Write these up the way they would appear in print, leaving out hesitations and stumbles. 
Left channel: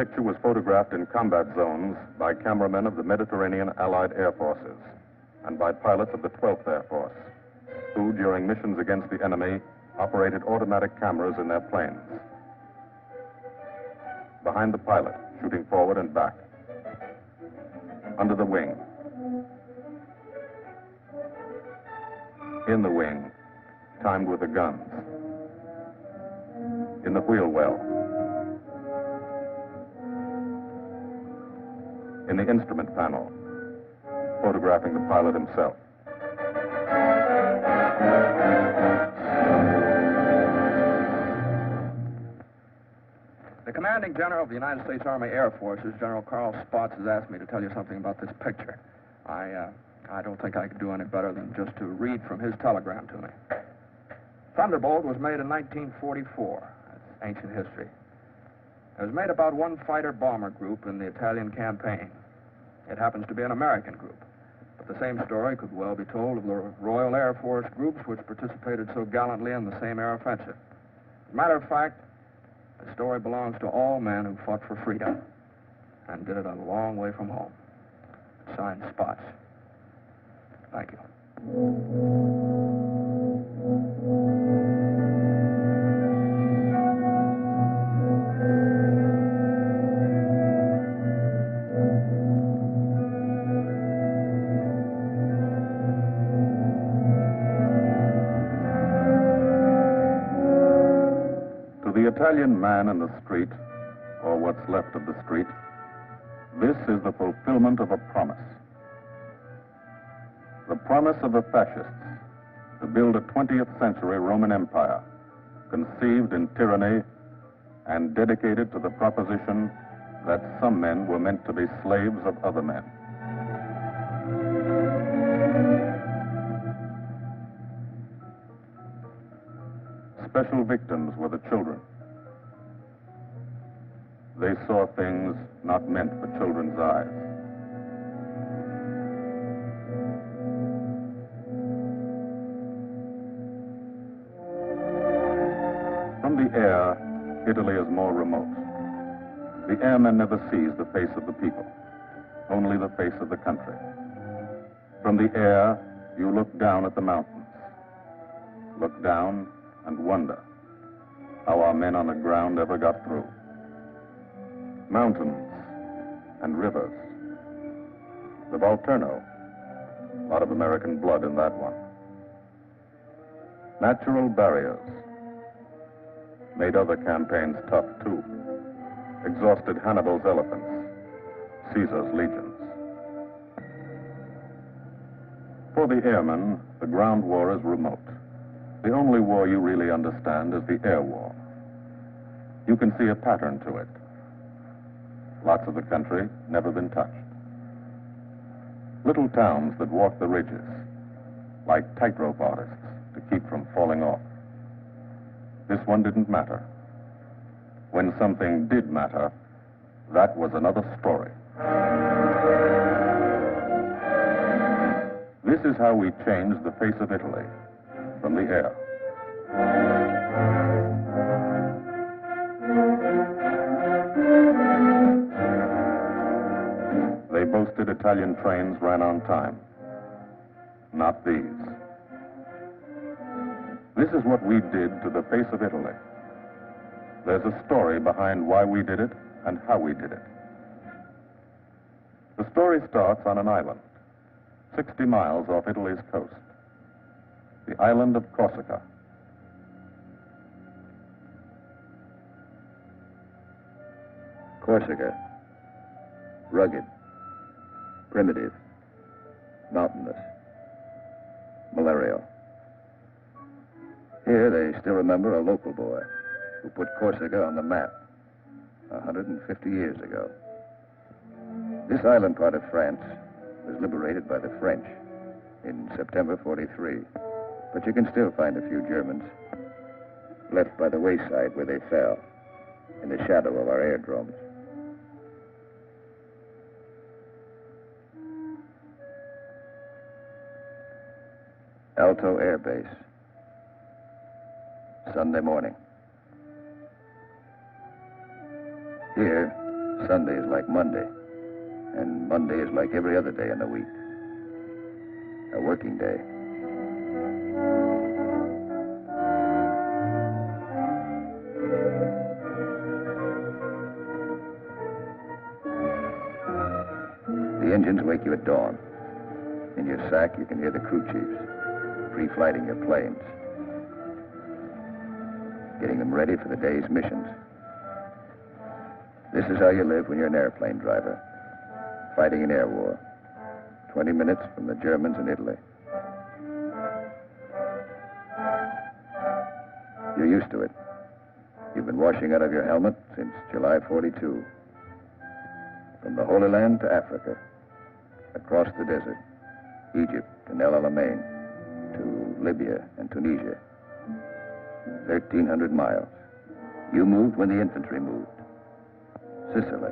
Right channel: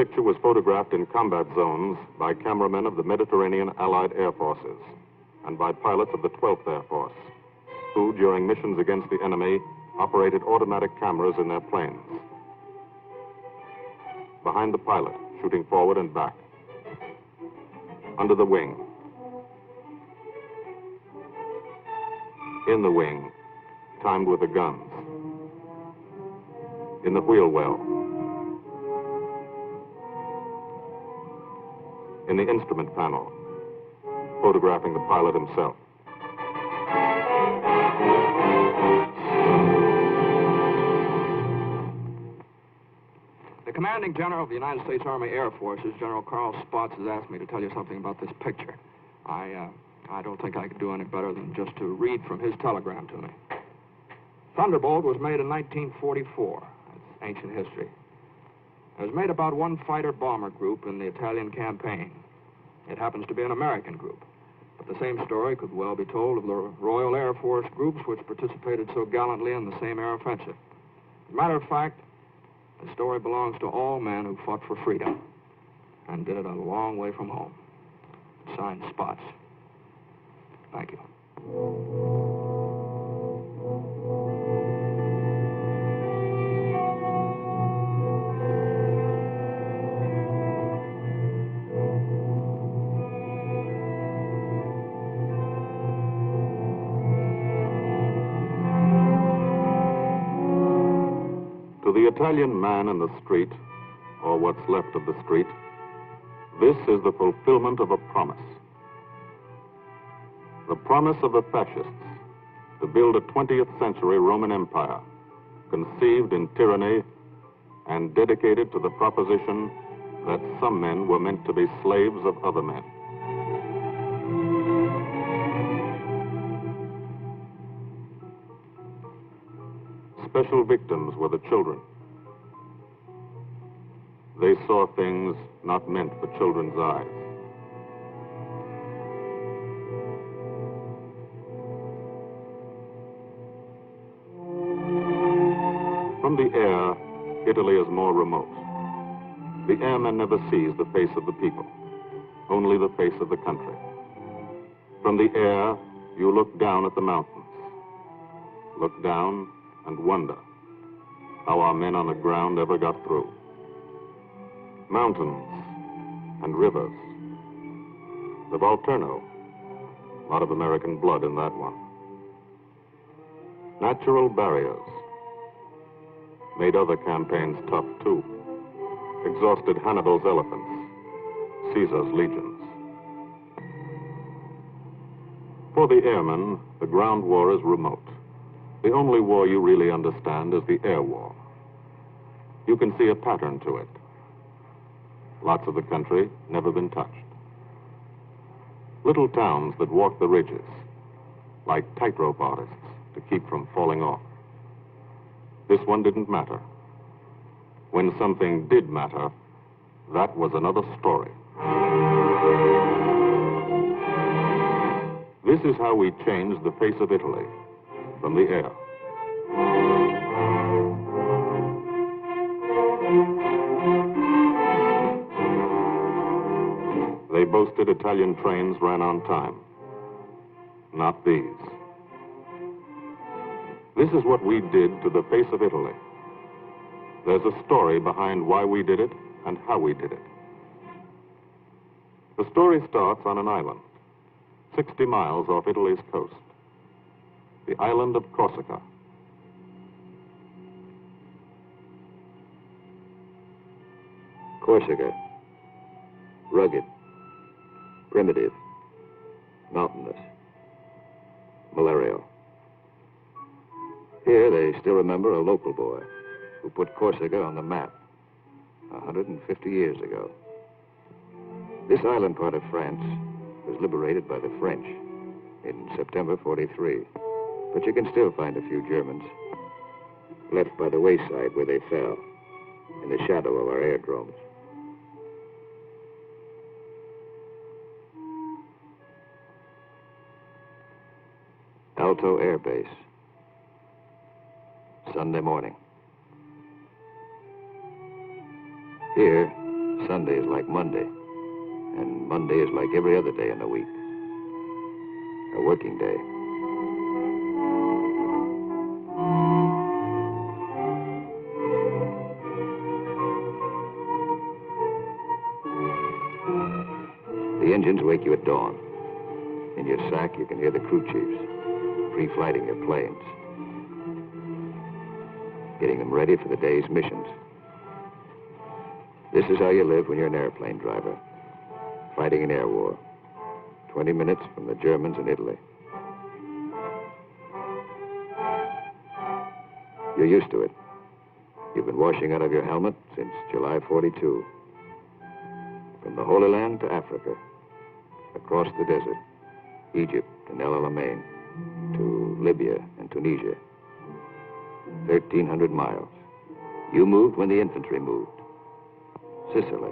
picture was photographed in combat zones by cameramen of the Mediterranean Allied Air Forces and by pilots of the 12th Air Force, who, during missions against the enemy, operated automatic cameras in their planes. Behind the pilot, shooting forward and back. Under the wing. In the wing, timed with the guns. In the wheel well. In the instrument panel, photographing the pilot himself. The commanding general of the United States Army Air Forces, General Carl Spaatz, has asked me to tell you something about this picture. I don't think I could do any better than just to read from his telegram to me. Thunderbolt was made in 1944. That's ancient history. It was made about one fighter-bomber group in the Italian campaign. It happens to be an American group. But the same story could well be told of the Royal Air Force groups which participated so gallantly in the same air offensive. As a matter of fact, the story belongs to all men who fought for freedom and did it a long way from home. Signed, Spaatz. Thank you. To the Italian man in the street, or what's left of the street, this is the fulfillment of a promise. The promise of the fascists to build a 20th century Roman Empire, conceived in tyranny and dedicated to the proposition that some men were meant to be slaves of other men. Special victims were the children. They saw things not meant for children's eyes. From the air, Italy is more remote. The airman never sees the face of the people, only the face of the country. From the air, you look down at the mountains. Look down and wonder how our men on the ground ever got through. Mountains and rivers. The Volturno, a lot of American blood in that one. Natural barriers made other campaigns tough too. Exhausted Hannibal's elephants, Caesar's legions. For the airmen, the ground war is remote. The only war you really understand is the air war. You can see a pattern to it. Lots of the country never been touched. Little towns that walk the ridges, like tightrope artists to keep from falling off. This one didn't matter. When something did matter, that was another story. This is how we changed the face of Italy, from the air. They boasted Italian trains ran on time. Not these. This is what we did to the face of Italy. There's a story behind why we did it and how we did it. The story starts on an island, 60 miles off Italy's coast. The island of Corsica. Corsica. Rugged. Primitive. Mountainous. Malarial. Here they still remember a local boy who put Corsica on the map 150 years ago. This island part of France was liberated by the French in September 43. But you can still find a few Germans left by the wayside where they fell, in the shadow of our aerodromes. Alto Air Base. Sunday morning. Here, Sunday is like Monday, and Monday is like every other day in the week. A working day. The engines wake you at dawn. In your sack, you can hear the crew chiefs pre-flighting your planes, getting them ready for the day's missions. This is how you live when you're an airplane driver, fighting an air war, 20 minutes from the Germans in Italy. You're used to it. You've been washing out of your helmet since July 42. From the Holy Land to Africa, across the desert, Egypt and El Alamein, to Libya and Tunisia. 1,300 miles. You moved when the infantry moved. Sicily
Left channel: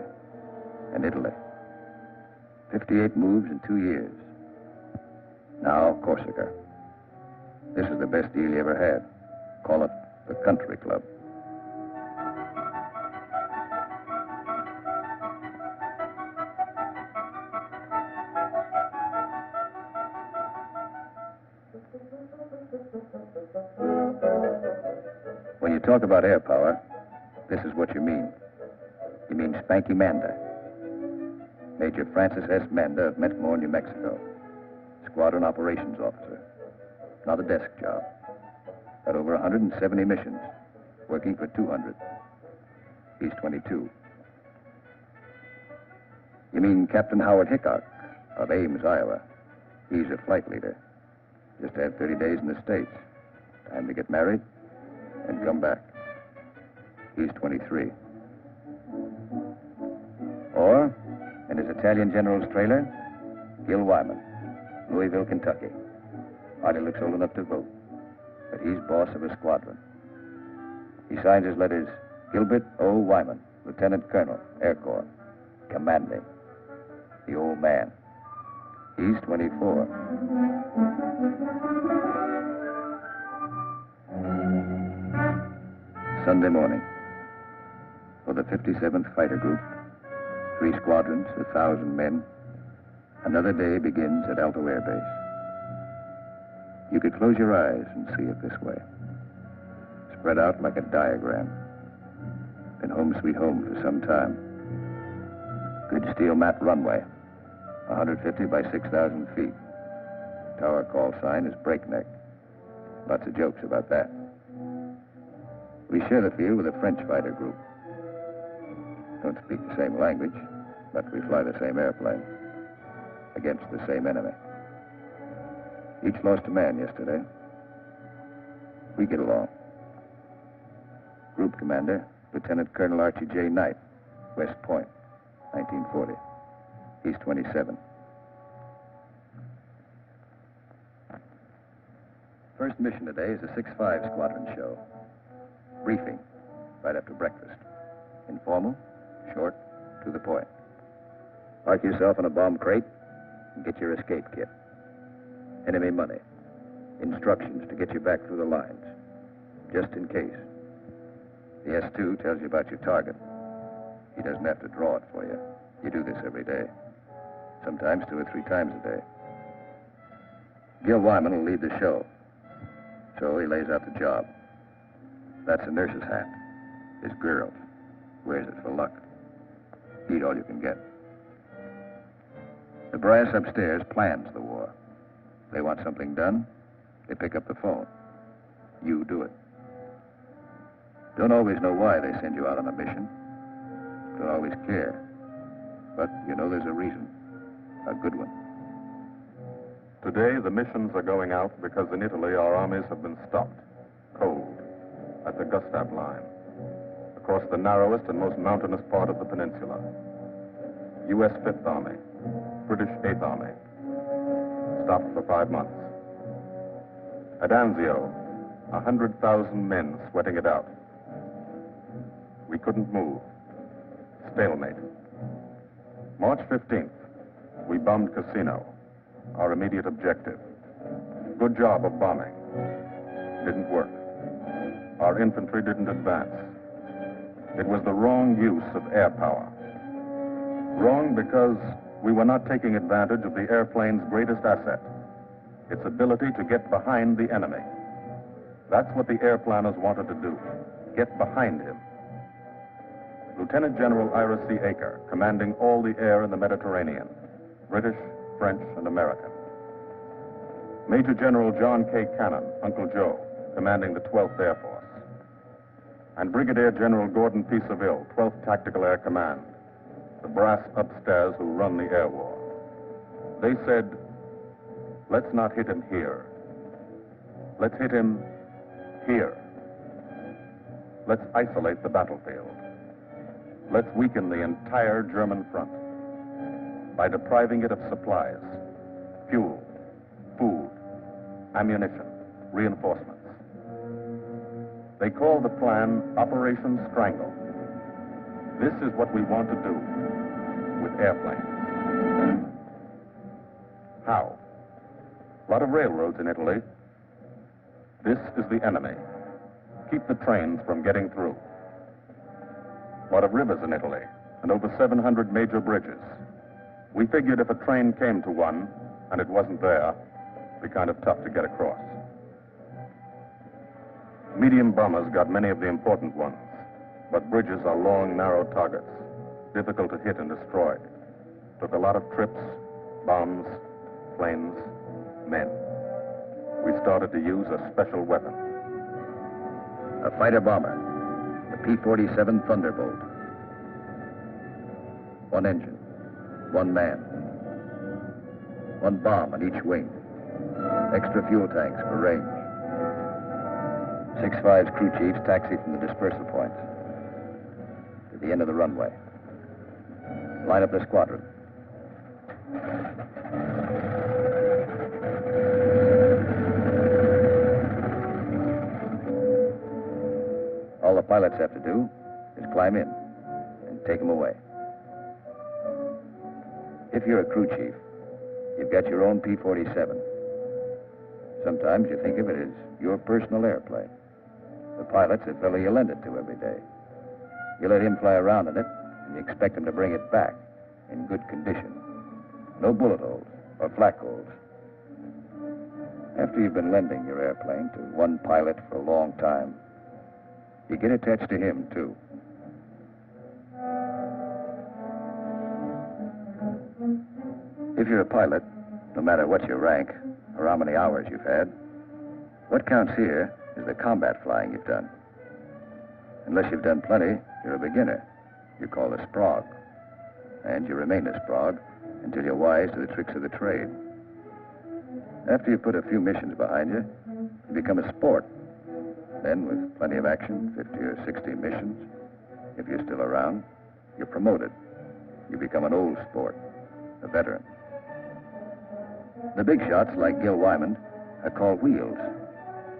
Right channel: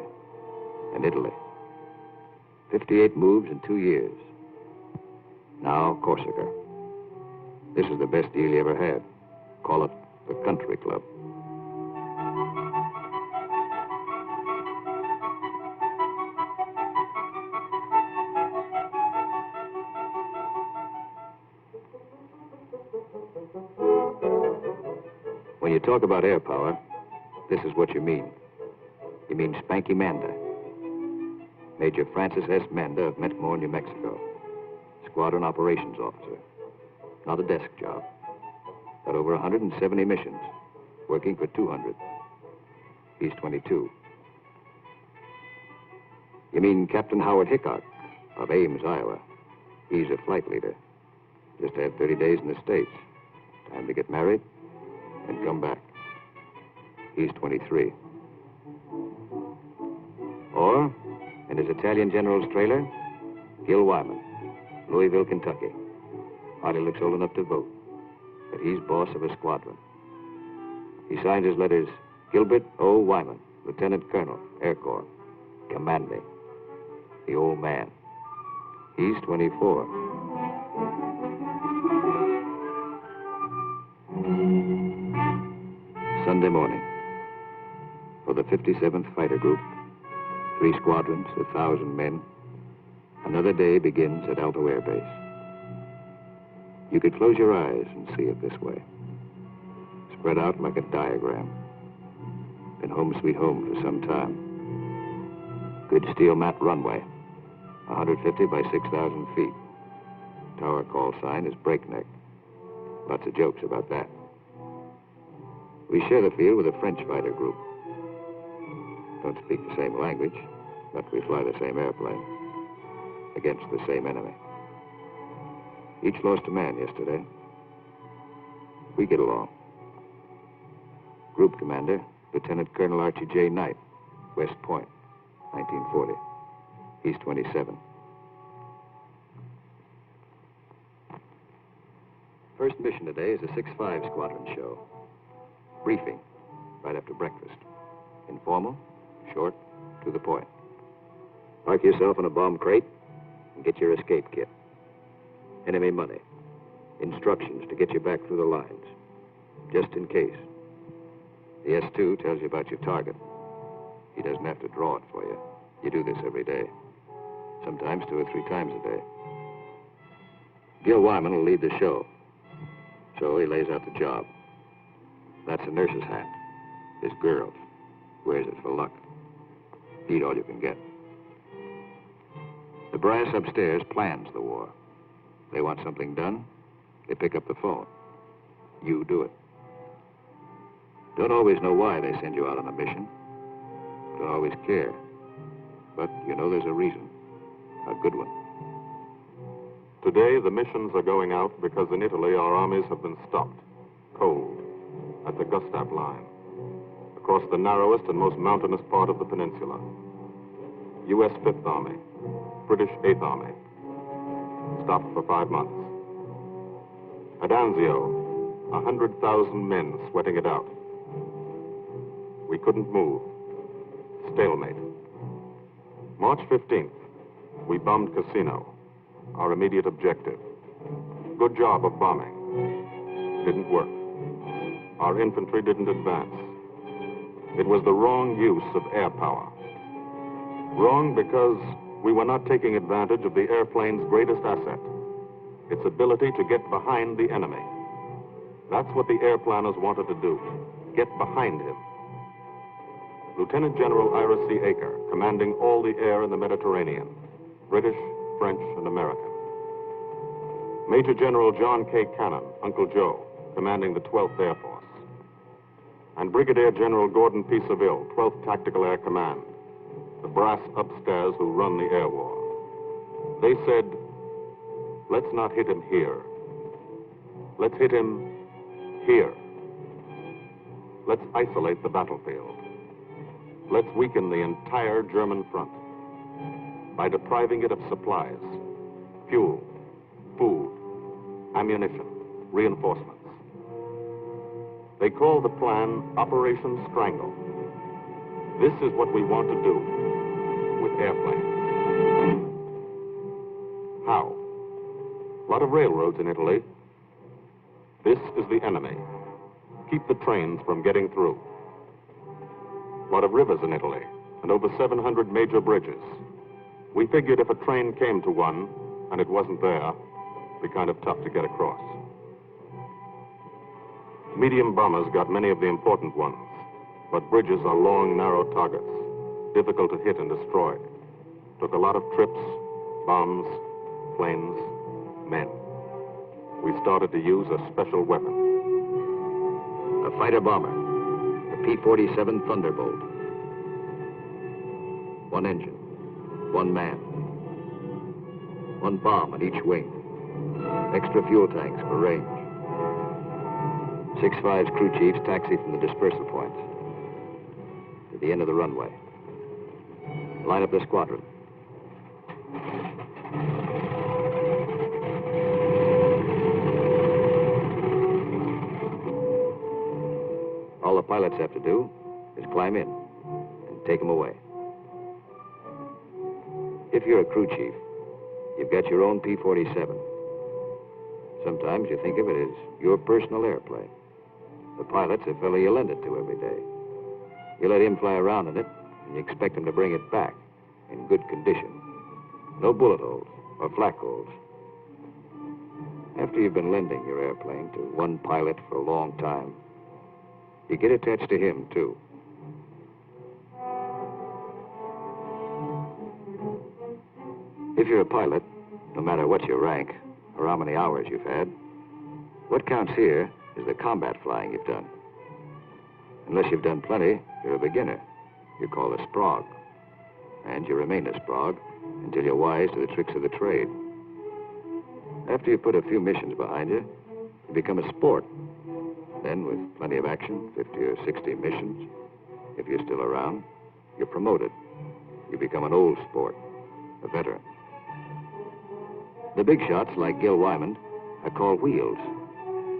and Italy. 58 moves in 2 years. Now, Corsica. This is the best deal you ever had. Call it the country club. When you talk about air power, this is what you mean. You mean Spanky Manda. Major Francis S. Manda of Metmore, New Mexico. Squadron operations officer. Not a desk job. Got over 170 missions, working for 200. He's 22. You mean Captain Howard Hickok of Ames, Iowa. He's a flight leader. Just had 30 days in the States. Time to get married and come back. He's 23. Or, in his Italian general's trailer, Gil Wyman, Louisville, Kentucky. Hardly looks old enough to vote, but he's boss of a squadron. He signs his letters, Gilbert O. Wyman, Lieutenant Colonel, Air Corps, commanding. The old man. He's 24. Sunday morning. For the 57th Fighter Group, 3 squadrons, 1,000 men, another day begins at Alto Air Base. You could close your eyes and see it this way. Spread out like a diagram. Been home sweet home for some time. Good steel mat runway, 150 by 6,000 feet. Tower call sign is breakneck. Lots of jokes about that. We share the field with a French fighter group. Don't speak the same language, but we fly the same airplane against the same enemy. Each lost a man yesterday. We get along. Group commander, Lieutenant Colonel Archie J. Knight, West Point, 1940. He's 27. First mission today is a 6-5 squadron show. Briefing, right after breakfast. Informal, short, to the point. Park yourself in a bomb crate and get your escape kit. Enemy money. Instructions to get you back through the lines, just in case. The S2 tells you about your target. He doesn't have to draw it for you. You do this every day. Sometimes 2 or 3 times a day. Gil Wyman will lead the show. So he lays out the job. That's a nurse's hat. This girl wears it for luck. Eat all you can get. The brass upstairs plans the war. They want something done, they pick up the phone. You do it. Don't always know why they send you out on a mission. Don't always care. But you know there's a reason. A good one. Today, the missions are going out because in Italy, our armies have been stopped, cold, at the Gustav Line, across the narrowest and most mountainous part of the peninsula. U.S. 5th Army, British 8th Army, stopped for 5 months. At Anzio, 100,000 men sweating it out. We couldn't move. Stalemate. March 15th, we bombed Casino, our immediate objective. Good job of bombing. Didn't work. Our infantry didn't advance. It was the wrong use of air power. Wrong because we were not taking advantage of the airplane's greatest asset, its ability to get behind the enemy. That's what the airplanners wanted to do, get behind him. Lieutenant General Ira C. Aker, commanding all the air in the Mediterranean, British, French, and American. Major General John K. Cannon, Uncle Joe, commanding the 12th Air Force. And Brigadier General Gordon P. Seville, 12th Tactical Air Command, the brass upstairs who run the air war. They said, let's not hit him here. Let's hit him here. Let's isolate the battlefield. Let's weaken the entire German front by depriving it of supplies, fuel, food, ammunition, reinforcements. They call the plan Operation Strangle. This is what we want to do with airplanes. How? A lot of railroads in Italy. This is the enemy. Keep the trains from getting through. A lot of rivers in Italy, and over 700 major bridges. We figured if a train came to one, and it wasn't there, it'd be kind of tough to get across. Medium bombers got many of the important ones, but bridges are long, narrow targets, difficult to hit and destroy. Took a lot of trips, bombs, planes, men. We started to use a special weapon. A fighter bomber, the P-47 Thunderbolt. One engine, one man, one bomb on each wing, extra fuel tanks for range. 6-5's crew chiefs taxi from the dispersal points to the end of the runway. Line up the squadron. All the pilots have to do is climb in and take them away. If you're a crew chief, you've got your own P-47. Sometimes you think of it as your personal airplane. The pilot's a fellow you lend it to every day. You let him fly around in it, and you expect him to bring it back in good condition. No bullet holes or flak holes. After you've been lending your airplane to one pilot for a long time, you get attached to him, too. If you're a pilot, no matter what your rank or how many hours you've had, what counts here is the combat flying you've done. Unless you've done plenty, you're a beginner. You're called a sprog. And you remain a sprog until you're wise to the tricks of the trade. After you've put a few missions behind you, you become a sport. Then, with plenty of action, 50 or 60 missions, if you're still around, you're promoted. You become an old sport, a veteran. The big shots, like Gil Wyman, are called wheels.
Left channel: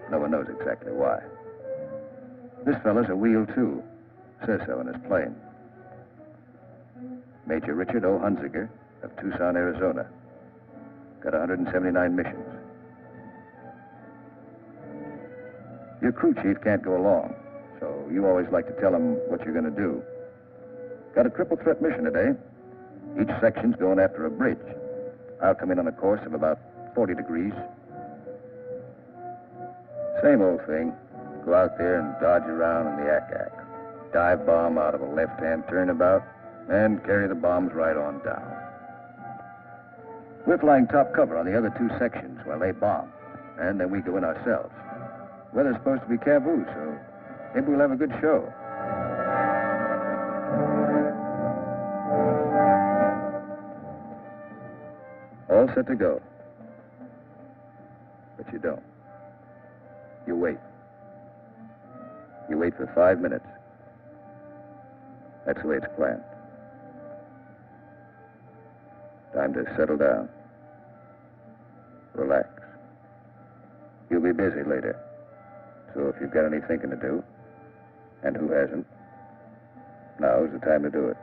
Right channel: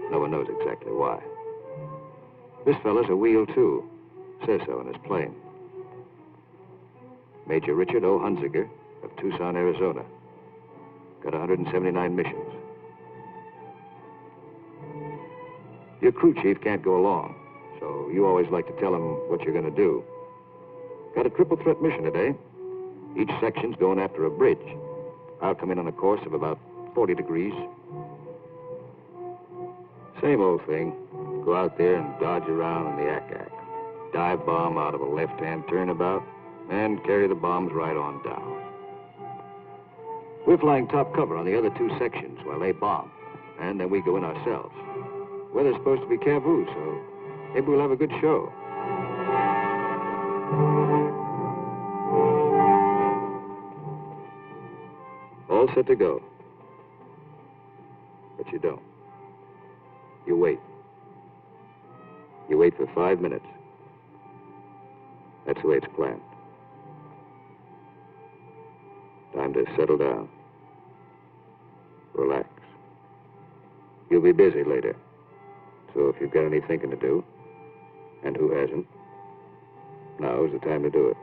No one knows exactly why. This fella's a wheel, too. Says so in his plane. Major Richard O. Hunziker of Tucson, Arizona. Got 179 missions. Your crew chief can't go along, so you always like to tell him what you're going to do. Got a triple threat mission today. Each section's going after a bridge. I'll come in on a course of about 40 degrees. Same old thing. Go out there and dodge around in the ack-ack. Dive bomb out of a left-hand turnabout and carry the bombs right on down. We're flying top cover on the other two sections while they bomb, and then we go in ourselves. Weather's supposed to be cavoo, so maybe we'll have a good show. All set to go. But you don't. You wait. You wait for 5 minutes. That's the way it's planned. Time to settle down. Relax. You'll be busy later. So if you've got any thinking to do, and who hasn't, now's the time to do it.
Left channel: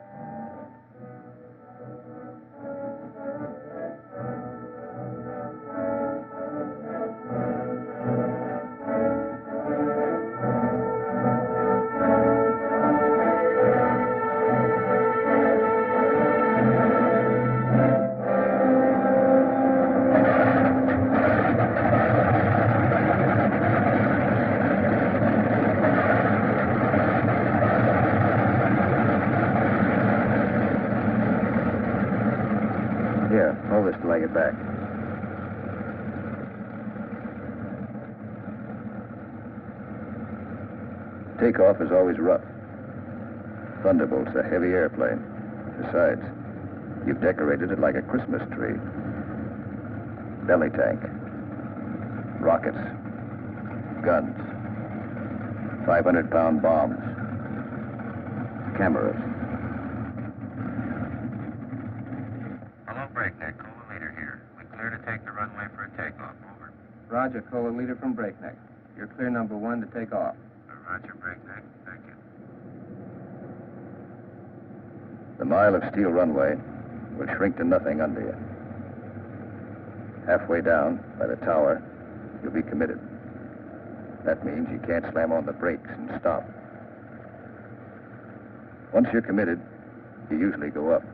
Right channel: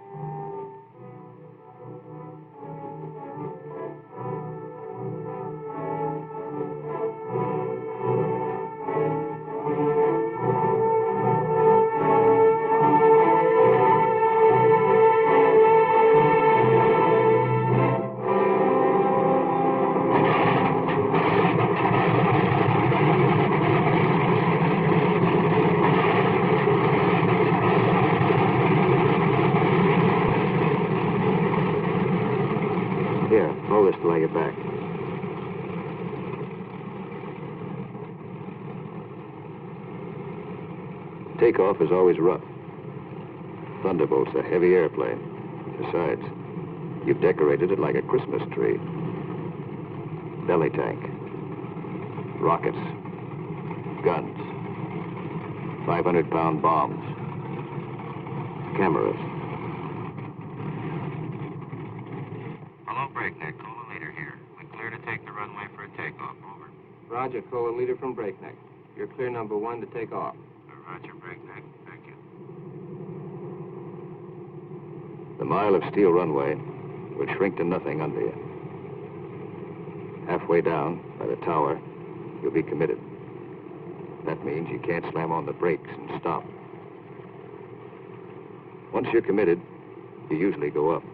hold this till I get back. Takeoff is always rough. Thunderbolt's a heavy airplane. Besides, you've decorated it like a Christmas tree. Belly tank, rockets, guns, 500-pound bombs, cameras. Hello, Breakneck. Cola Leader here. We're clear to take the runway for a takeoff. Over. Roger, Cola Leader from Breakneck. You're clear number 1 to take off. Roger, Breakneck. Thank you. The mile of steel runway will shrink to nothing under you. Halfway down, by the tower, you'll be committed. That means you can't slam on the brakes and stop. Once you're committed, you usually go up.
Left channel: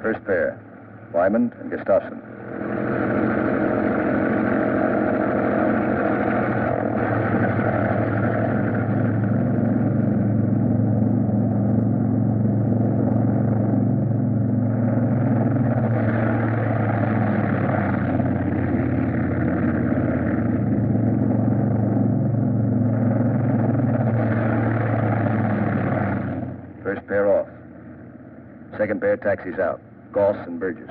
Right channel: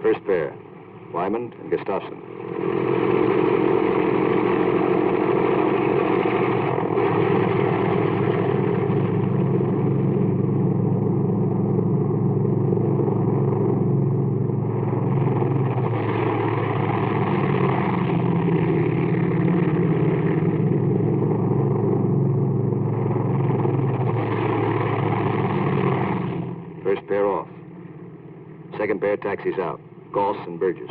First pair, Wyman and Gustafson. First pair off. Second pair taxis out. Goss and Burgess.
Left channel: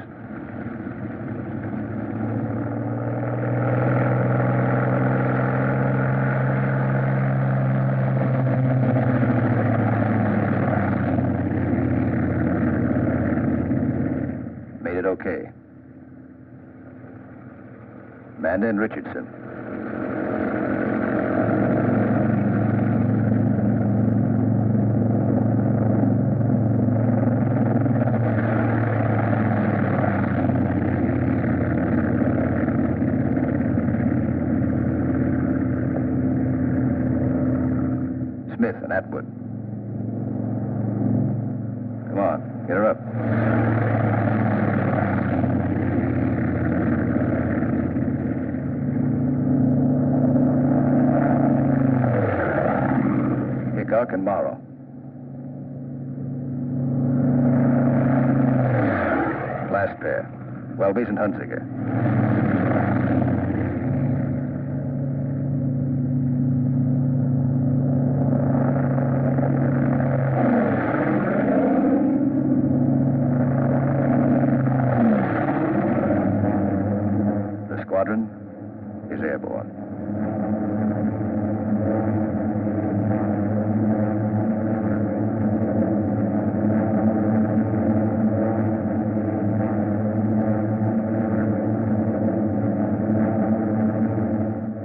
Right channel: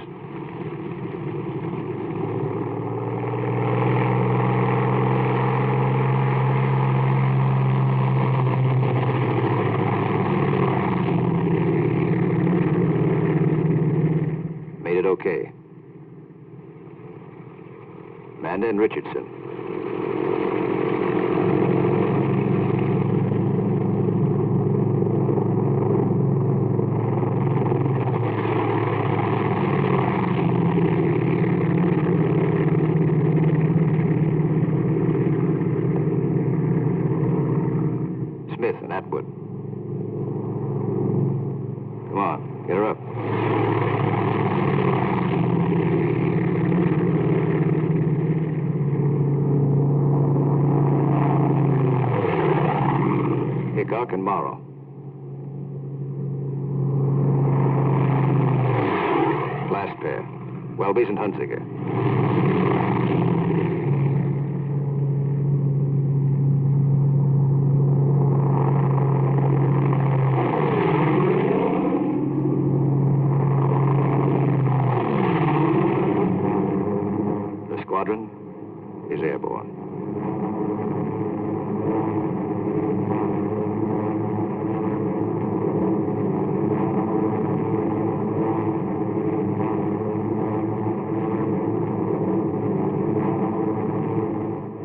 Made it okay. Amanda and Richardson. Smith and Atwood. Come on, get her up. Hickok and Morrow. Last pair, Welby's and Hunziker. The squadron is airborne.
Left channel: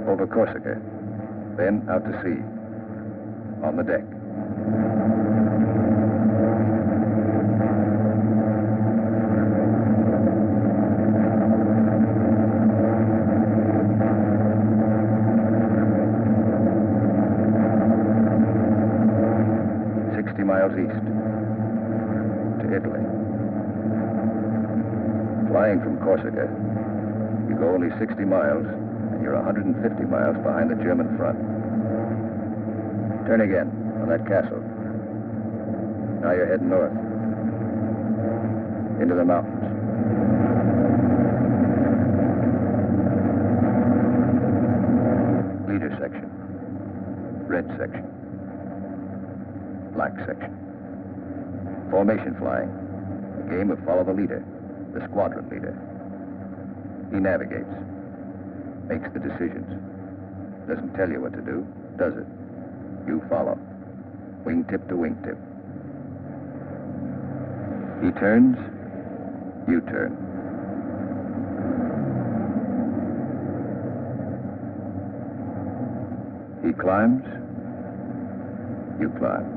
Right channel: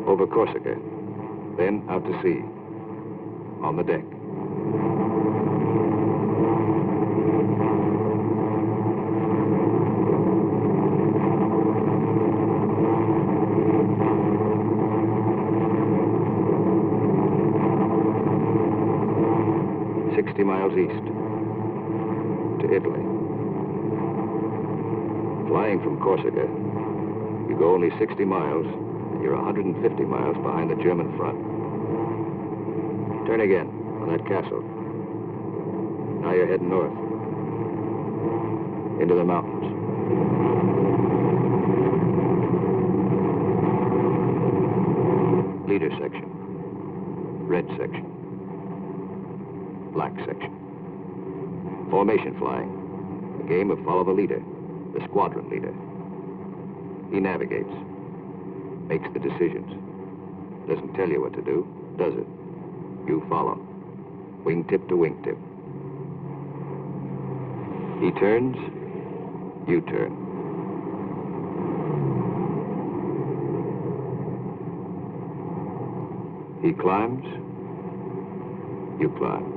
Over Corsica, then out to sea, on the deck. Miles east to Italy. Flying from Corsica, you go only 60 miles and you're 150 miles behind the German front. Turn again on that castle. Now you're heading north into the mountains. Leader section, red section, black section. Formation flying, a game of follow the leader, the squadron leader. He navigates, makes the decisions. Doesn't tell you what to do, does it? You follow, wingtip to wingtip. He turns, you turn. He climbs, you climb.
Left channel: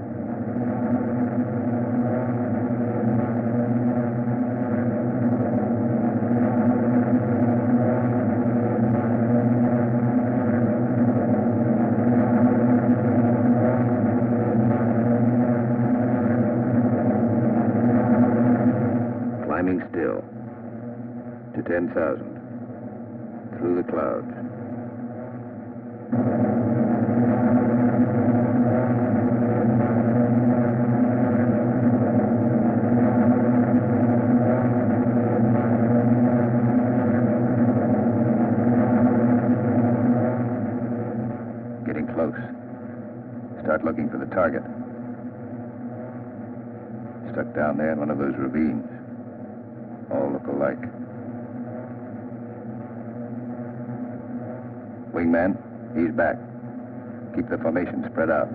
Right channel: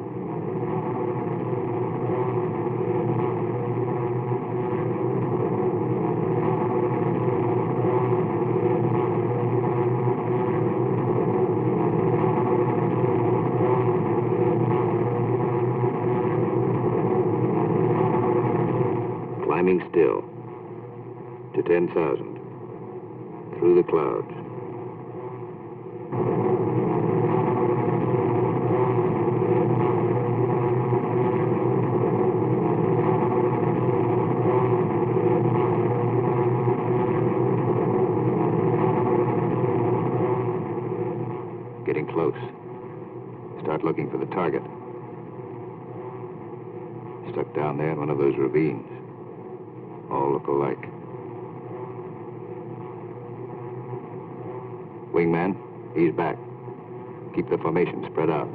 Climbing still to 10,000 through the clouds. Getting close. Start looking for the target. Stuck down there in one of those ravines. All look alike. Wingman, he's back. Keep the formation spread out.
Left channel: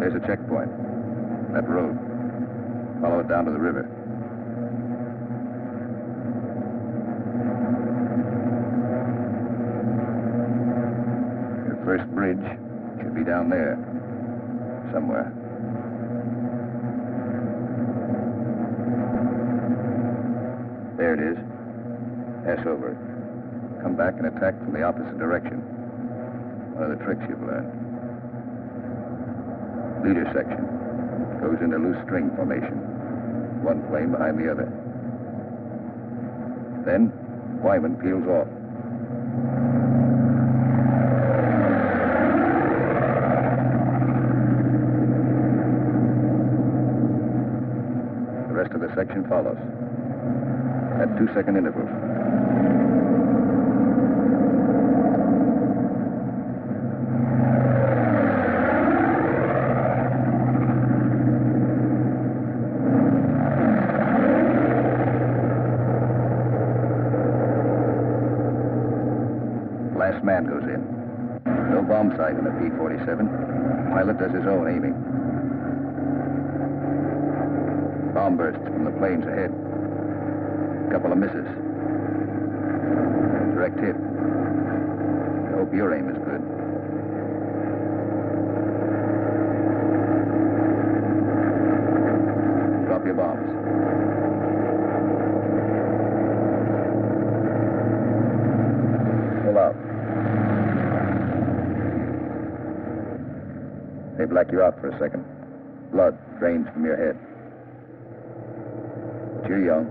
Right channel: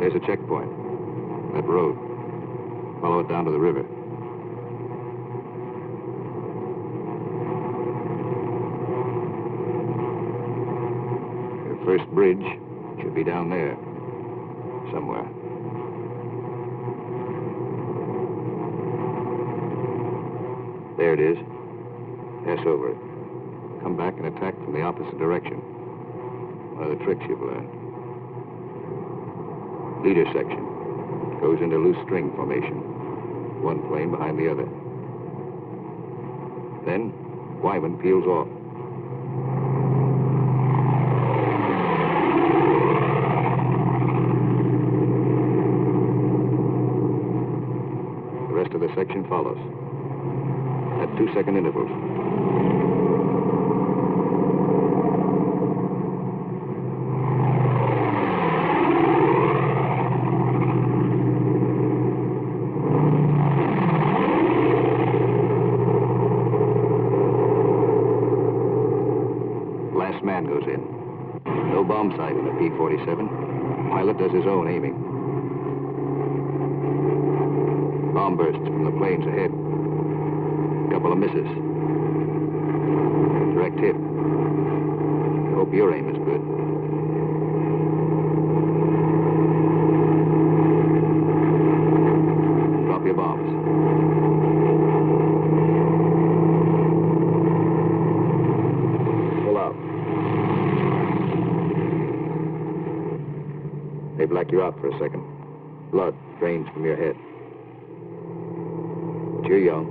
There's a checkpoint. That road. Follow it down to the river. Your first bridge should be down there. Somewhere. There it is. Pass over it. Come back and attack from the opposite direction. One of the tricks you've learned. Leader section. Goes into loose string formation. One plane behind the other. Then, Wyman peels off. The rest of the section follows. At 2-second intervals. Last man goes in. No bomb sight in the P-47. Pilot does his own aiming. Bomb bursts from the planes ahead. Couple of misses. Direct hit. I hope your aim is good. Drop your bombs. Pull out. They black you out for a second. Blood drains from your head. But you're young.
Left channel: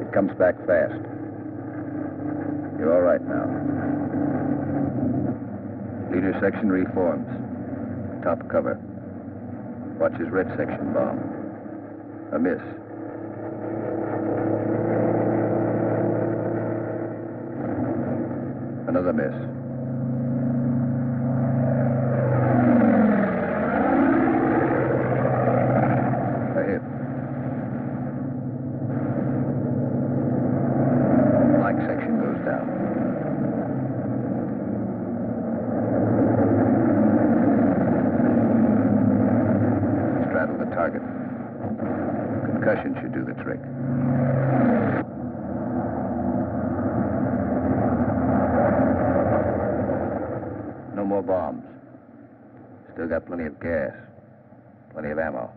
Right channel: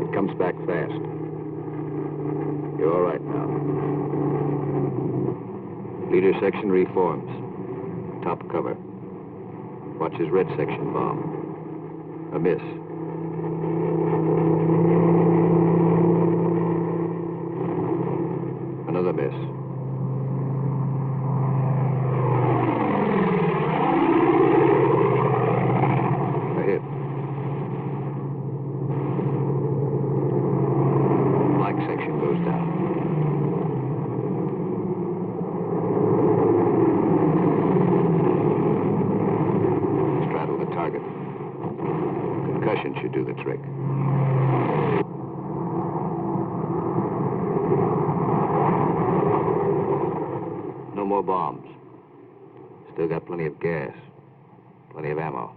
It comes back fast. You're all right now. Leader section reforms. Top cover. Watch his red section bomb. A miss. Another miss. A hit. Black section goes down. Straddle the target. Concussion should do the trick. No more bombs. Still got plenty of gas. Plenty of ammo.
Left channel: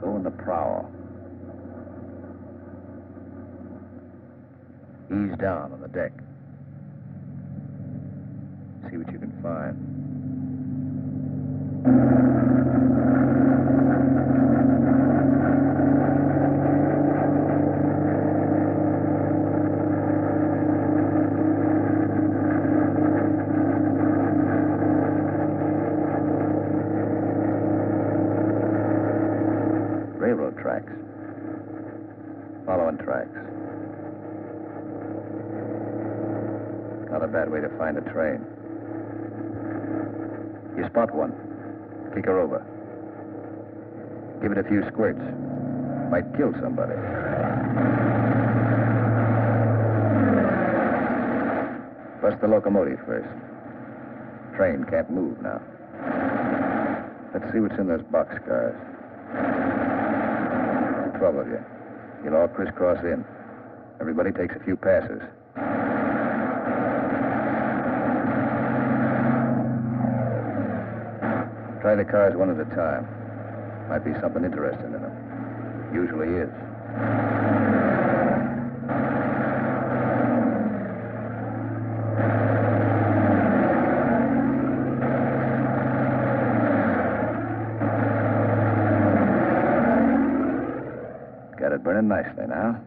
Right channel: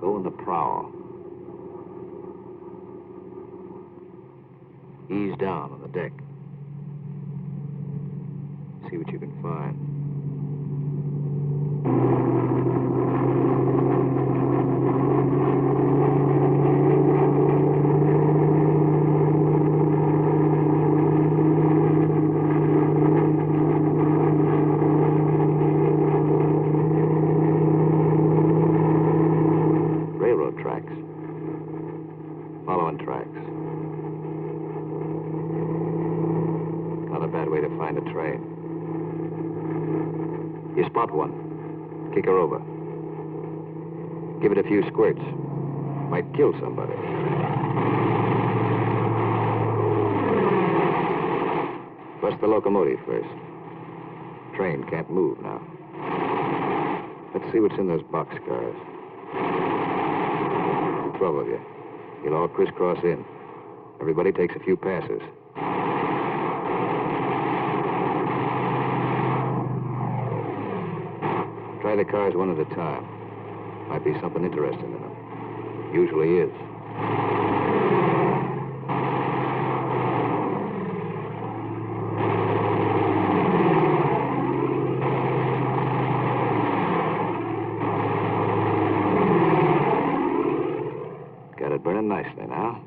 Go in the prow. Ease down on the deck. See what you can find. Railroad tracks. Following tracks. Not a bad way to find a train. You spot one. Kick her over. Give it a few squirts. Might kill somebody. Bust the locomotive first. Train can't move now. Let's see what's in those boxcars. 12 of you. You'll all crisscross in. Everybody takes a few passes. Try the cars one at a time. Might be something interesting in them. Usually is. Got it burning nicely now.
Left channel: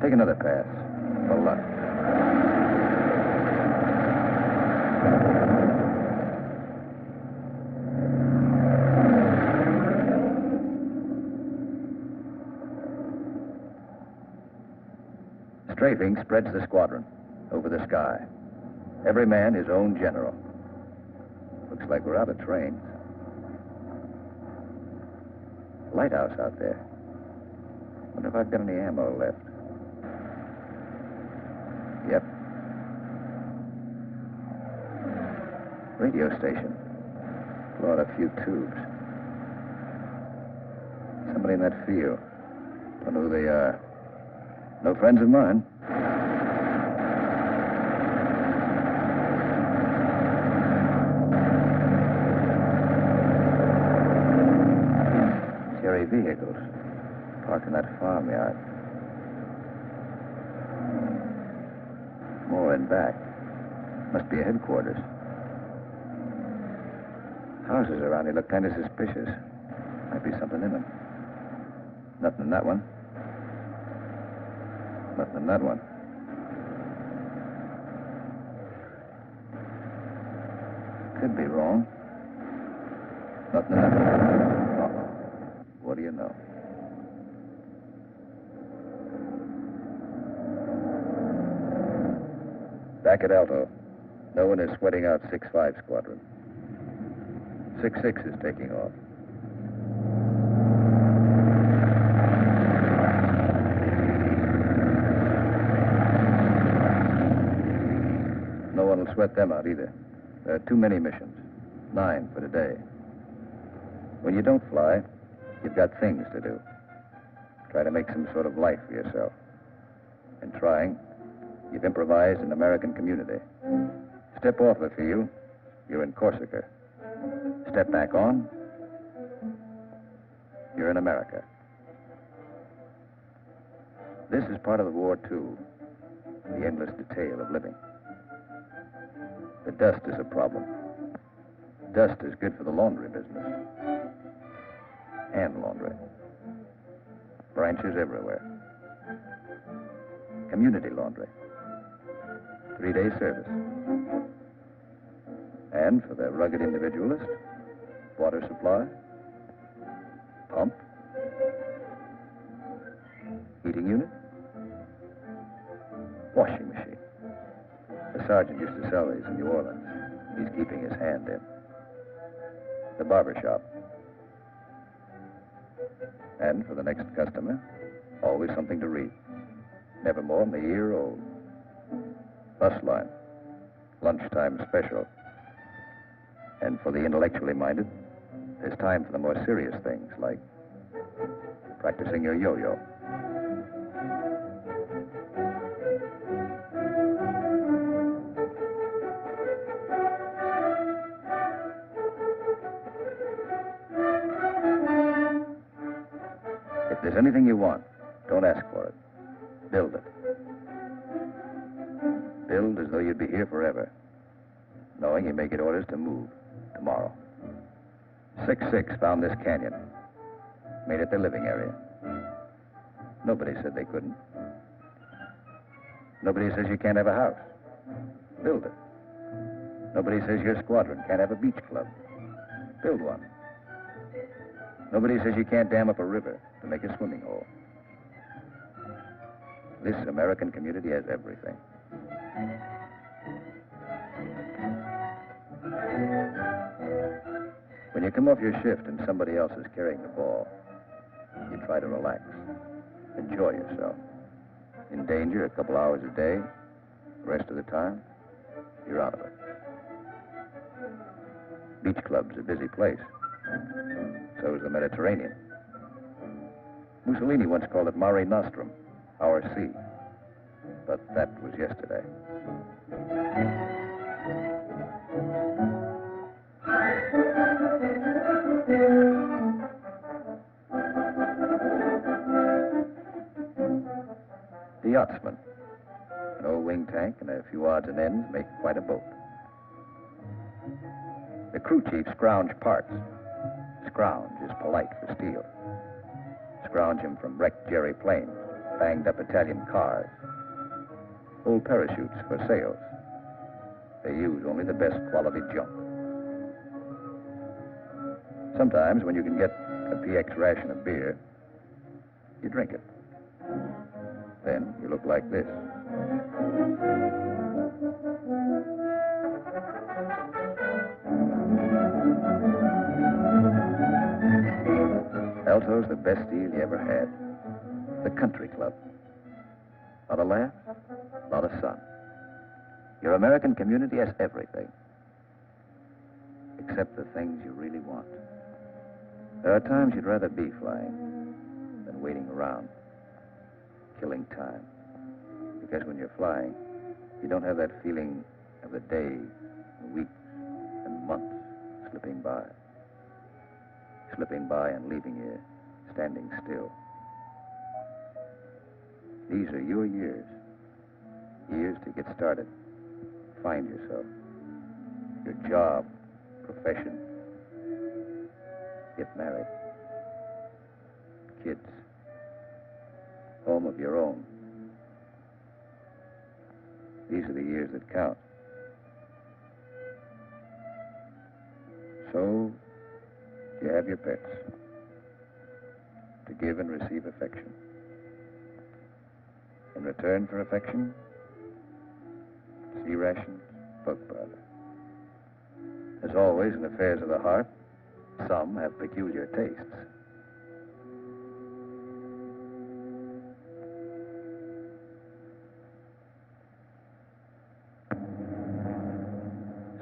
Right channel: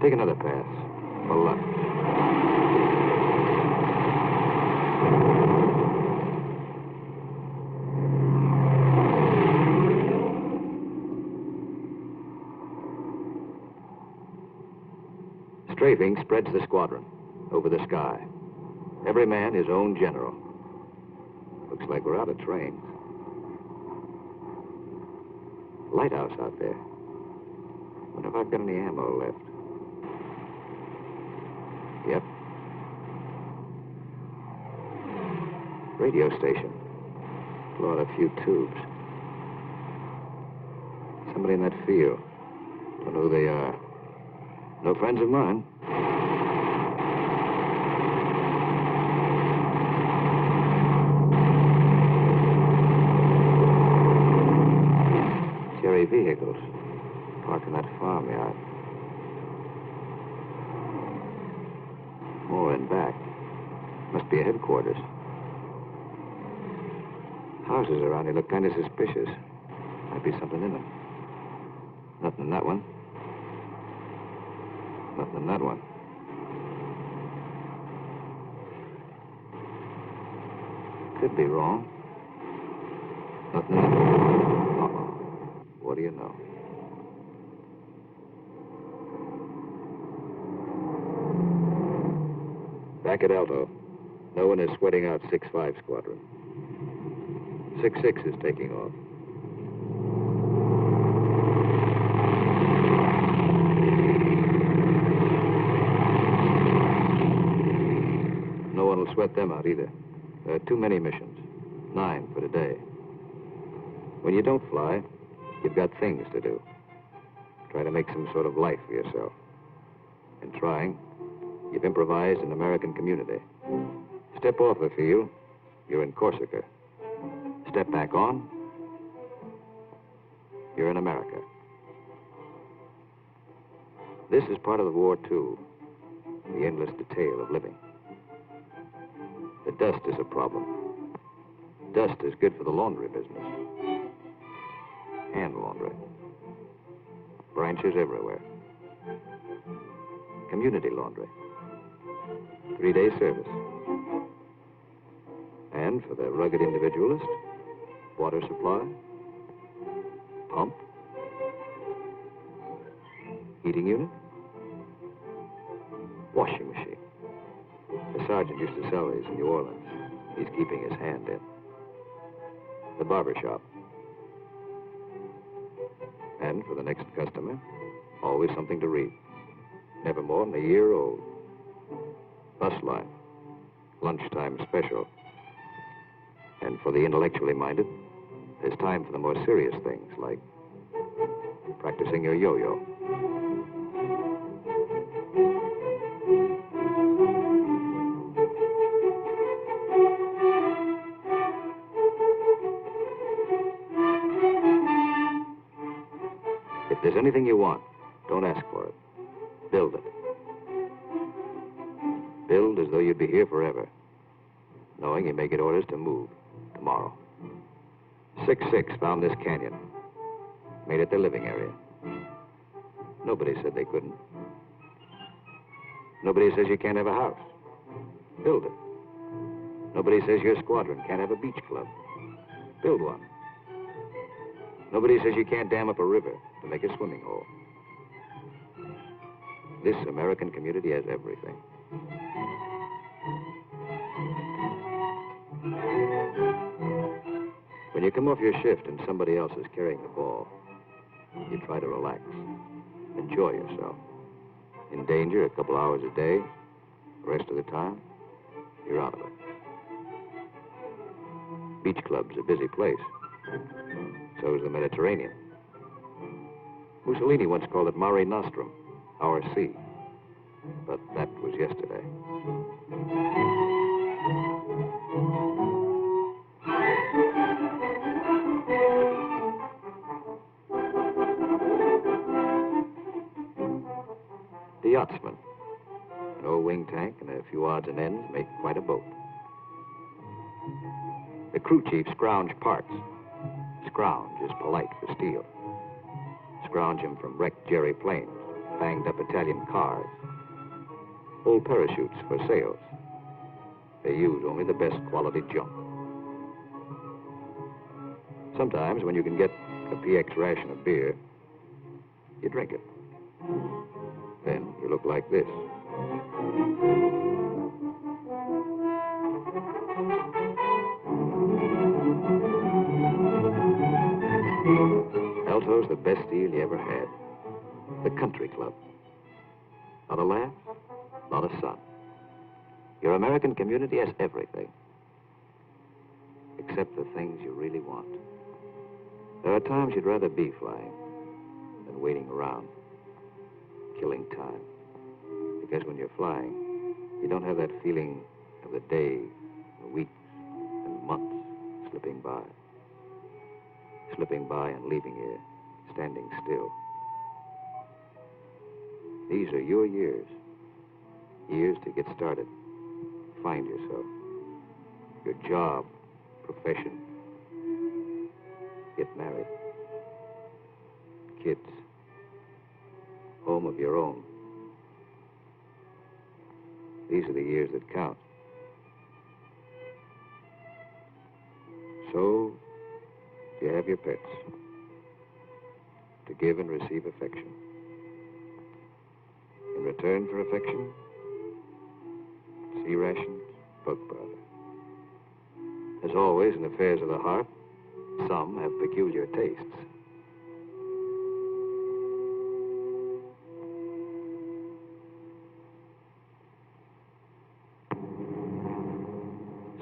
Take another pass. For luck. Strafing spreads the squadron over the sky. Every man his own general. Looks like we're out of trains. Lighthouse out there. Wonder if I've got any ammo left. Yep. Radio station. Blow out a few tubes. Somebody in that field. Don't know who they are. No friends of mine. Cherry vehicles parked in that farmyard. More in back. Must be a headquarters. Houses around here look kind of suspicious. Might be something in them. Nothing in that one. Nothing in that one. Could be wrong. Nothing in that one. Uh-oh. What do you know? Back at Alto. No one is sweating out 6-5 squadron. 6-6 is taking off. No one will sweat them out either. There are too many missions. 9 for today. When you don't fly, you've got things to do. Try to make some sort of life for yourself. In trying, you've improvised an American community. Step off the field, you're in Corsica. Step back on, you're in America. This is part of the war, too. The endless detail of living. The dust is a problem. Dust is good for the laundry business. Hand laundry. Branches everywhere. Community laundry. 3-day service. And for the rugged individualist, water supply, pump, heating unit, washing machine. The sergeant used to sell these in New Orleans. He's keeping his hand in. The barber shop. And for the next customer, always something to read. Never more than a year old. Bus line. Lunchtime special. And for the intellectually minded, there's time for the more serious things, like practicing your yo-yo. If there's anything you want, don't ask for it. Build it. Build as though you'd be here forever, knowing you may get orders to move tomorrow. 6-6 found this canyon, made it their living area. Nobody said they couldn't. Nobody says you can't have a house. Build it. Nobody says your squadron can't have a beach club. Build one. Nobody says you can't dam up a river to make a swimming hole. This American community has everything. When you come off your shift and somebody else is carrying the ball, you try to relax, enjoy yourself. In danger a couple hours a day, the rest of the time, you're out of it. Beach club's a busy place. So is the Mediterranean. Mussolini once called it Mare Nostrum, our sea. But that was yesterday. The yachtsman. An old wing tank and a few odds and ends make quite a boat. The crew chief scrounge parts. Scrounge is polite for steel. Scrounge him from wrecked Jerry planes, banged up Italian cars, old parachutes for sails. They use only the best quality junk. Sometimes when you can get a PX ration of beer, you drink it. Then you you look like this. Alto's the best deal you ever had. The country club. Not a laugh, not a son. Your American community has everything. Except the things you really want. There are times you'd rather be flying than waiting around, killing time. Because when you're flying, you don't have that feeling of the days, and weeks, and months slipping by. Slipping by and leaving you standing still. These are your years. Years to get started. Find yourself. Your job, profession. Get married. Kids. Home of your own. These are the years that count. So, you have your pets. To give and receive affection. In return for affection, sea rations, bug powder. As always in affairs of the heart, some have peculiar tastes.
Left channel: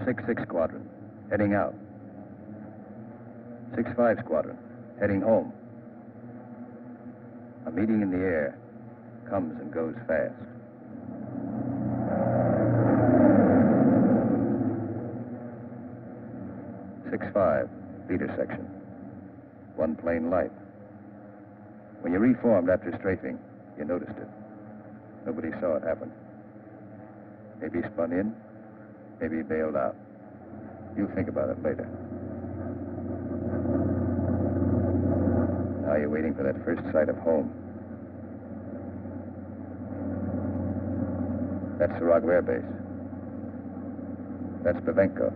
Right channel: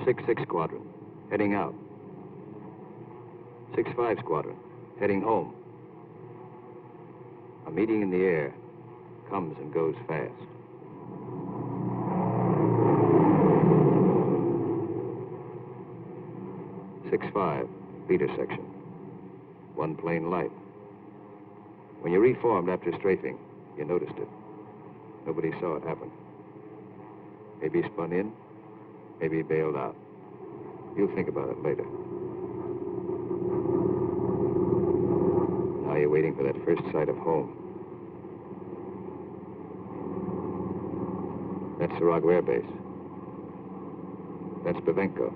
Six Squadron, heading out. 6-5 Squadron, heading home. A meeting in the air comes and goes fast. 6-5, leader section. One plane light. When you reformed after strafing, you noticed it. Nobody saw it happen. Maybe spun in, maybe bailed out. You'll think about it later. Now you're waiting for that first sight of home. That's Sarago Air Base. That's Bavenko.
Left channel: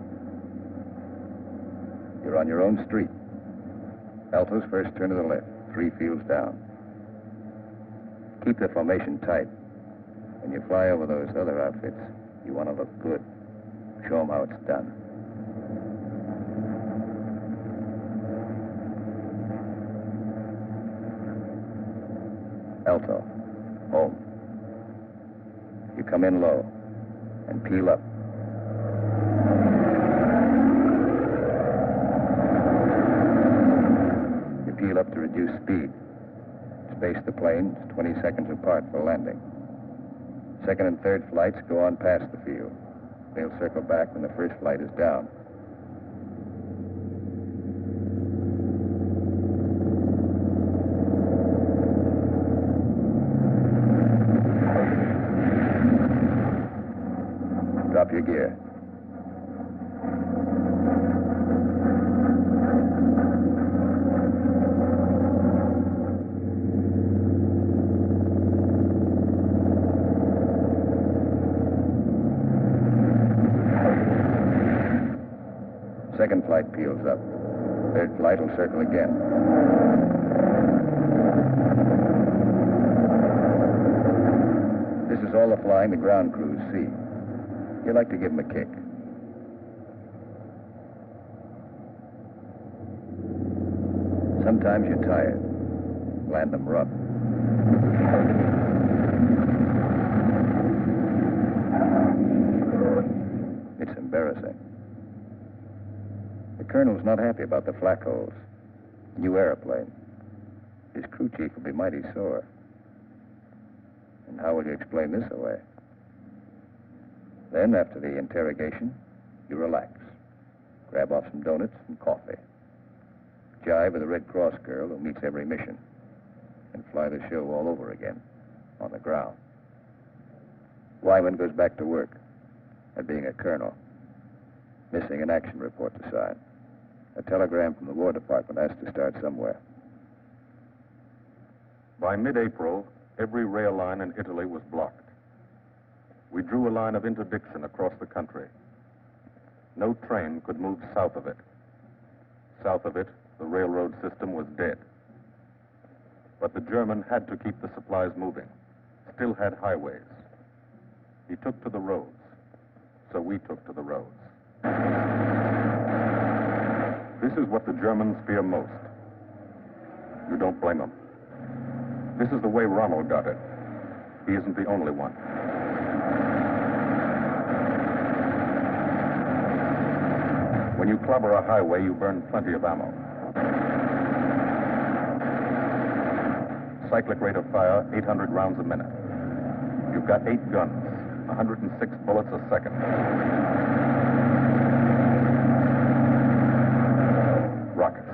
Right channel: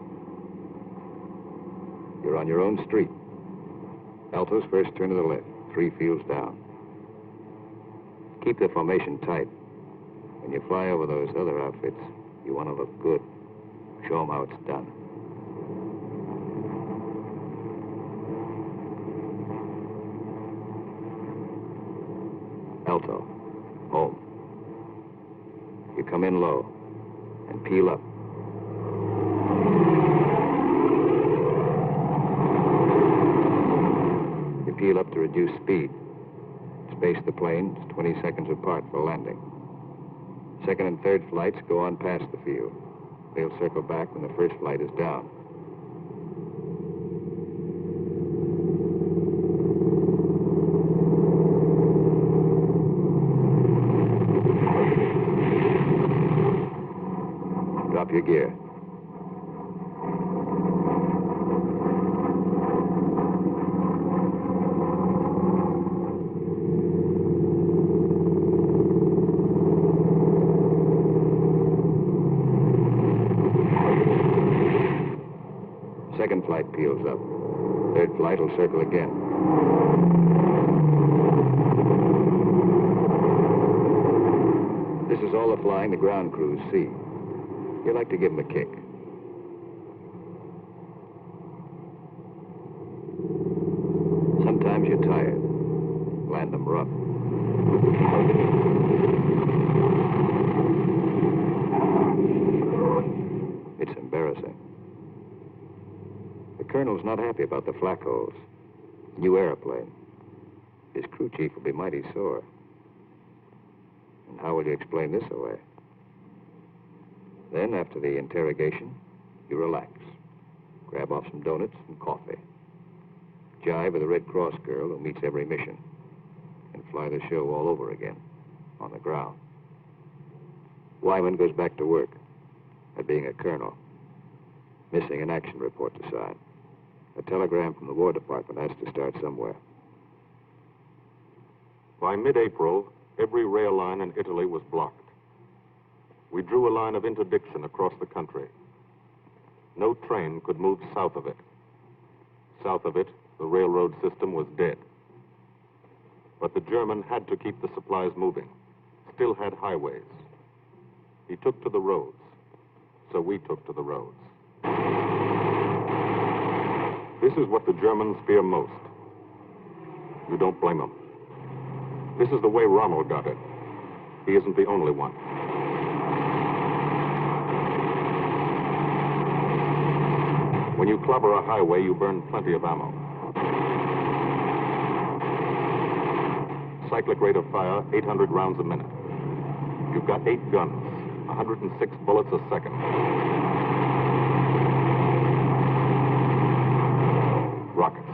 You're on your own street. Alto's first turn to the left, 3 fields down. Keep the formation tight. When you fly over those other outfits, you want to look good. Show them how it's done. Alto, home. You come in low and peel up. You peel up to reduce speed. Space the planes 20 seconds apart for landing. Second and third flights go on past the field. They'll circle back when the first flight is down. Drop your gear. Second flight peels up. Third flight will circle again. This is all the flying the ground crews see. You like to give them a kick. Sometimes you're tired. Land them rough. It's embarrassing. The colonel's not happy about the flak holes. New airplane. His crew chief will be mighty sore. And how will you explain this away? Then, after the interrogation, you relax. Grab off some donuts and coffee. Jive with a Red Cross girl who meets every mission. And fly the show all over again, on the ground. Wyman goes back to work at being a colonel. Missing an action report to sign. A telegram from the War Department has to start somewhere. By mid-April, every rail line in Italy was blocked. We drew a line of interdiction across the country. No train could move south of it. South of it, the railroad system was dead. But the German had to keep the supplies moving. still had highways. He took to the roads, so we took to the roads. This is what the Germans fear most. You don't blame them. This is the way Rommel got it. He isn't the only one. When you clobber a highway, you burn plenty of ammo. Cyclic rate of fire, 800 rounds a minute. You've got 8 guns, 106 bullets a second. Rockets.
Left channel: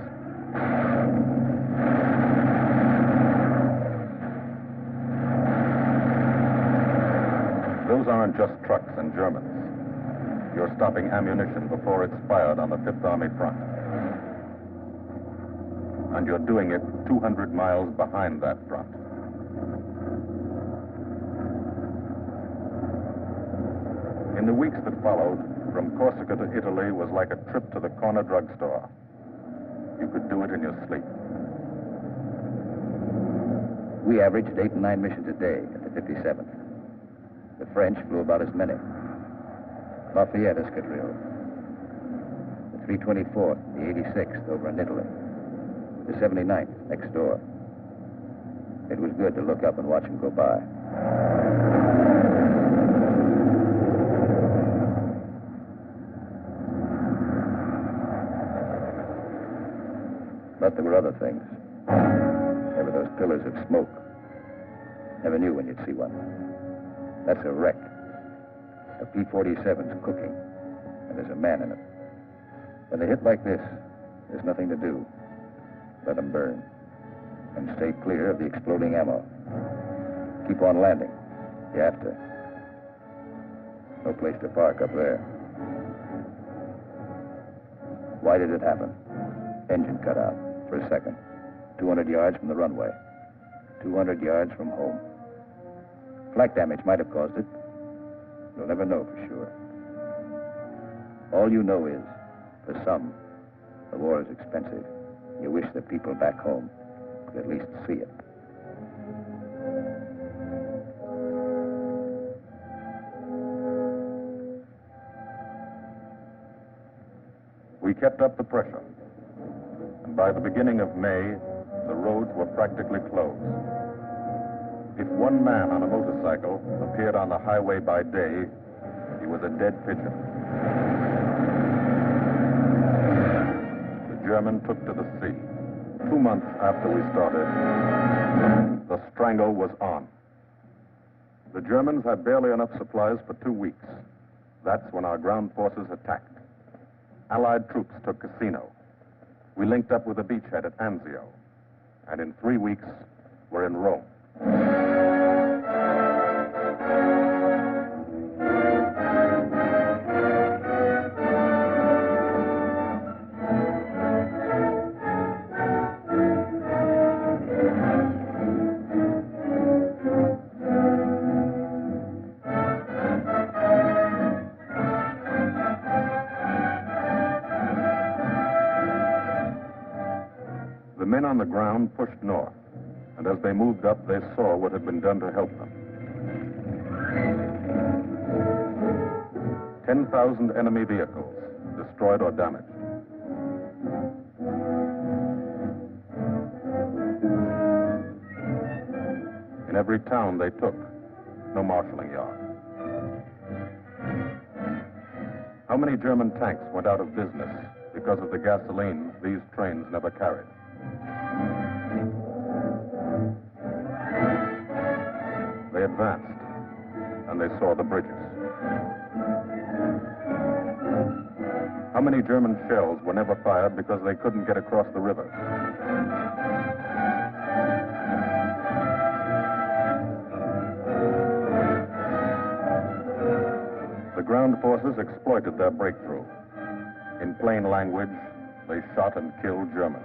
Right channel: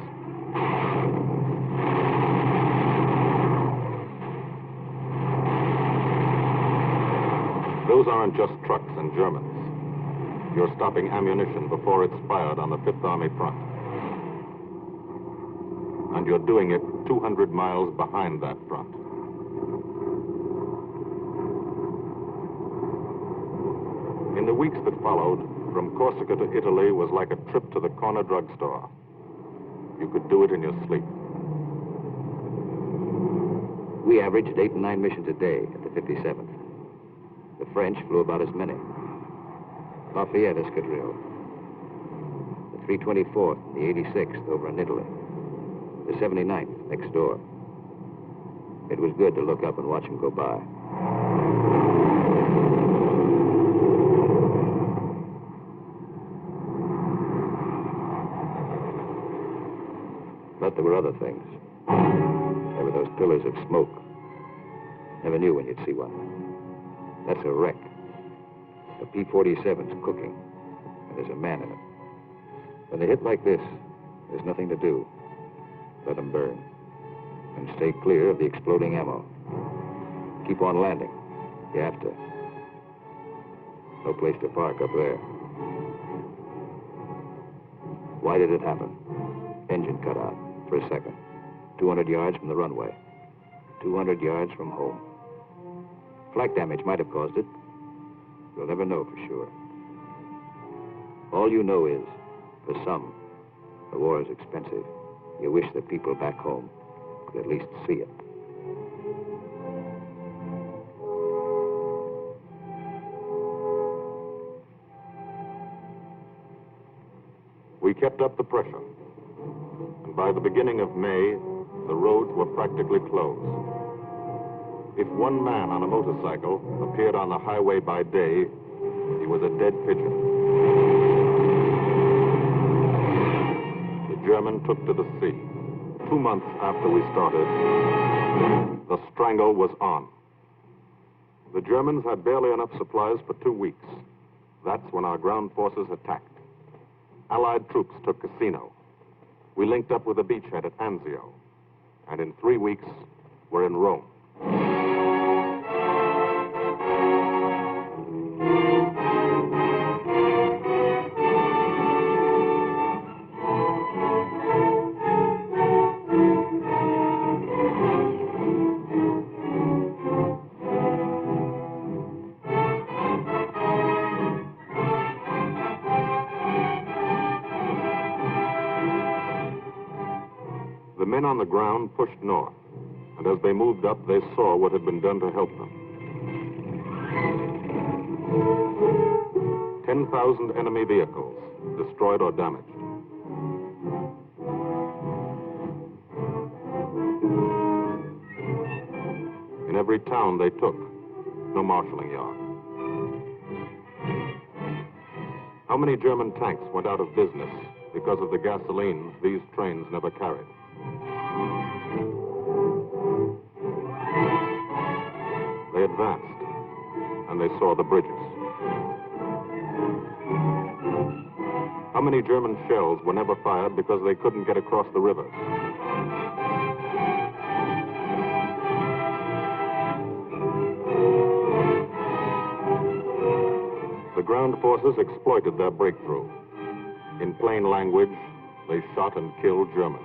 Those aren't just trucks and Germans. You're stopping ammunition before it's fired on the Fifth Army front. And you're doing it 200 miles behind that front. In the weeks that followed, from Corsica to Italy was like a trip to the corner drugstore. You could do it in your sleep. We averaged 8 and 9 missions a day at the 57th. The French flew about as many. Lafayette Escadrille, the 324th, the 86th over in Italy, the 79th next door. It was good to look up and watch them go by. But there were other things. There were those pillars of smoke. Never knew when you'd see one. That's a wreck. A P-47's cooking, and there's a man in it. When they hit like this, there's nothing to do. Let them burn. And stay clear of the exploding ammo. Keep on landing. You have to. No place to park up there. Why did it happen? Engine cut out for a second. 200 yards from the runway. 200 yards from home. Flak damage might have caused it. You'll never know for sure. All you know is, for some, the war is expensive. You wish the people back home could at least see it. We kept up the pressure. And by the beginning of May, the roads were practically closed. If one man on a motorcycle appeared on the highway by day, he was a dead pigeon. The German took to the sea. 2 months after we started, the Strangle was on. The Germans had barely enough supplies for 2 weeks. That's when our ground forces attacked. Allied troops took Cassino. We linked up with a beachhead at Anzio. And in 3 weeks, we're in Rome. The men on the ground pushed north, and as they moved up, they saw what had been done to help them. 10,000 enemy vehicles, destroyed or damaged. In every town they took, no marshalling yard. How many German tanks went out of business because of the gasoline these trains never carried? They advanced, and they saw the bridges. How many German shells were never fired because they couldn't get across the rivers? The ground forces exploited their breakthrough. In plain language, they shot and killed Germans.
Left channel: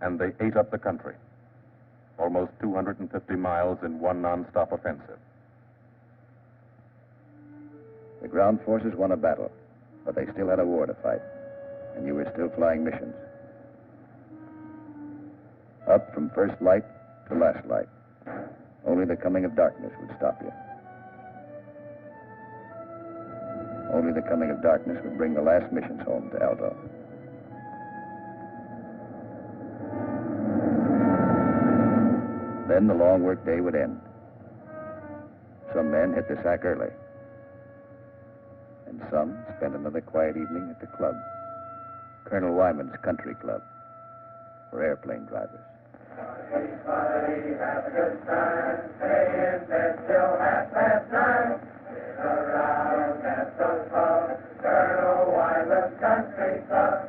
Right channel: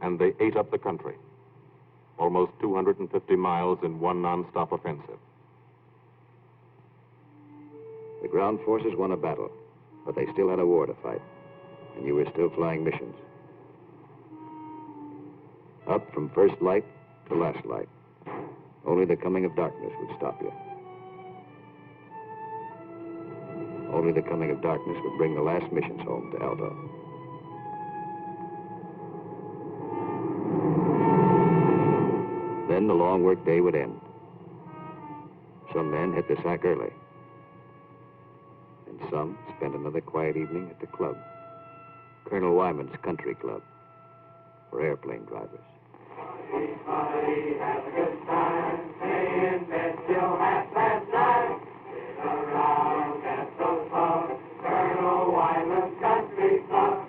And they ate up the country. Almost 250 miles in one non-stop offensive. The ground forces won a battle, but they still had a war to fight, and you were still flying missions. Up from first light The last light. Only the coming of darkness would stop you. Only the coming of darkness would bring the last missions home to Aldo. Then the long work day would end. Some men hit the sack early. And some spent another quiet evening at the club. Colonel Wyman's Country Club, for airplane drivers. Everybody has a good time, stay in bed till 9:30. Sit around at the pub, Colonel Wyman's Country Club.